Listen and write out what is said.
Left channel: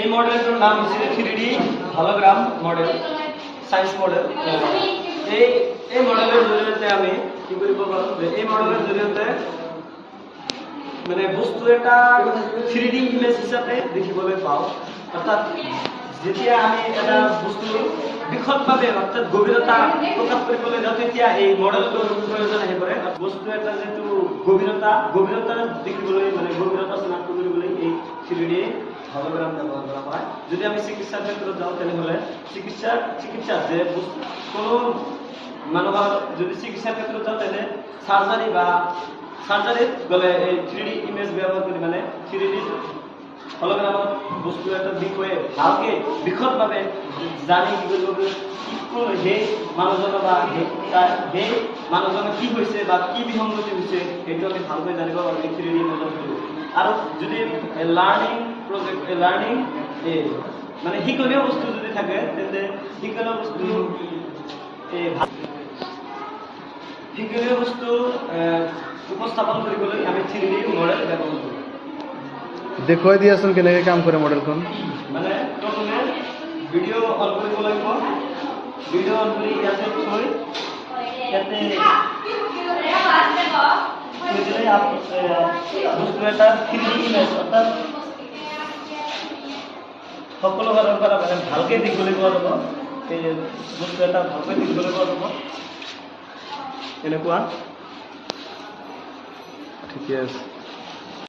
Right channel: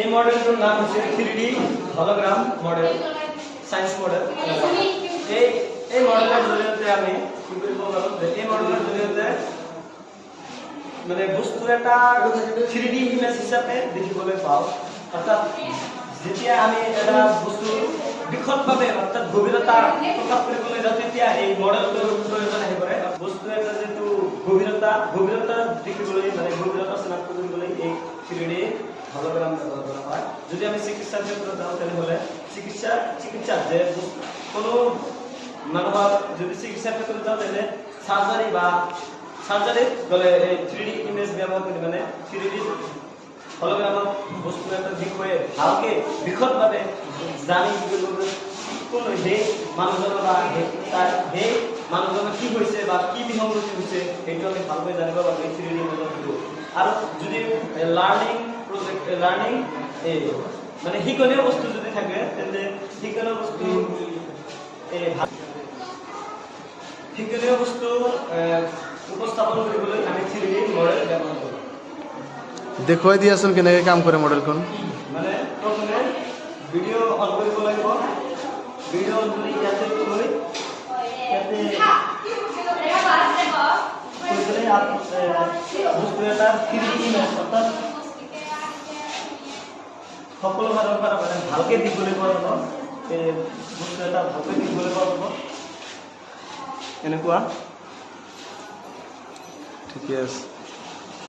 এই মডেলটার নাম হচ্ছে 3D hologram model, science model. এই মডেলের জরিয়তে আমি কি বলবো বলুন, যে এই মডেলের জরিয়তে মানে বস্তু এটা 3D ইমেজ হিসাবে দেখিবলৈ পাওঁ। অর্থাৎ যেতিয়া আমি এটা বস্তু বিশদভাৱে অৰ্থাৎ গভীৰতা প্ৰকাশ কৰিবলৈ যাওঁ তেতিয়া এই মডেলটোৰ প্ৰয়োজন আহি পৰে। বস্তু এটা যিটো গভীৰতা দেখিবলৈ মানে গভীৰতা চিনাক্ত কৰিবলৈ এই 3D হলোগ্ৰাম ব্যবহাৰ কৰা হয়। যদি আমি চিকিৎসাৰ ক্ষেত্ৰে যাও তাহলে চিকিৎসা যে কোনো মানুহৰ যদি চিকিৎসাৰ ক্ষেত্ৰে যাও তাহলে সাৰ্জাৰি গলে এই 3D ইমেজ ব্যবহাৰ কৰে মানে 3D হলোগ্ৰামেৰ বস্তু একটা বিষয়ে ভালকে বিশদভাৱে জানি কি কৰব, সেই মানুহজনৰ বা সেই মানুহজনৰ কি হৈছে বা কি বিসংগতি হৈছে সেইটো আমি ভালকৈ জানিব পাৰোঁ 3D মডেলৰ থ্ৰুৰে। আৰু যদি লাৰ্নিং মানে শিক্ষণীয় বস্তু যদি থাকে তেন্তে শিক্ষণীয় বস্তু উপস্থাপন কৰিবলৈ আমি 3D মডেল ব্যৱহাৰ কৰোঁ। দেখুৱাই দিয়াচোন কেনেকৈ কাম কৰে মডেলখন। মানে প্ৰথমে ভিডিঅ' অন কৰিব লাগিব। ভিডিঅ' অন কৰি ইয়াতে থৈ ইয়াতে বস্তু এটা 3D ইমেজ অৰ্থাৎ সকলো ফালৰ পৰা মানে ভালকৈ দেখিবলৈ পোৱা যাব। এই বস্তু এটা ভালকৈ দেখিবলৈ পোৱা যাব এনেকুৱা। ঠিকে আছে।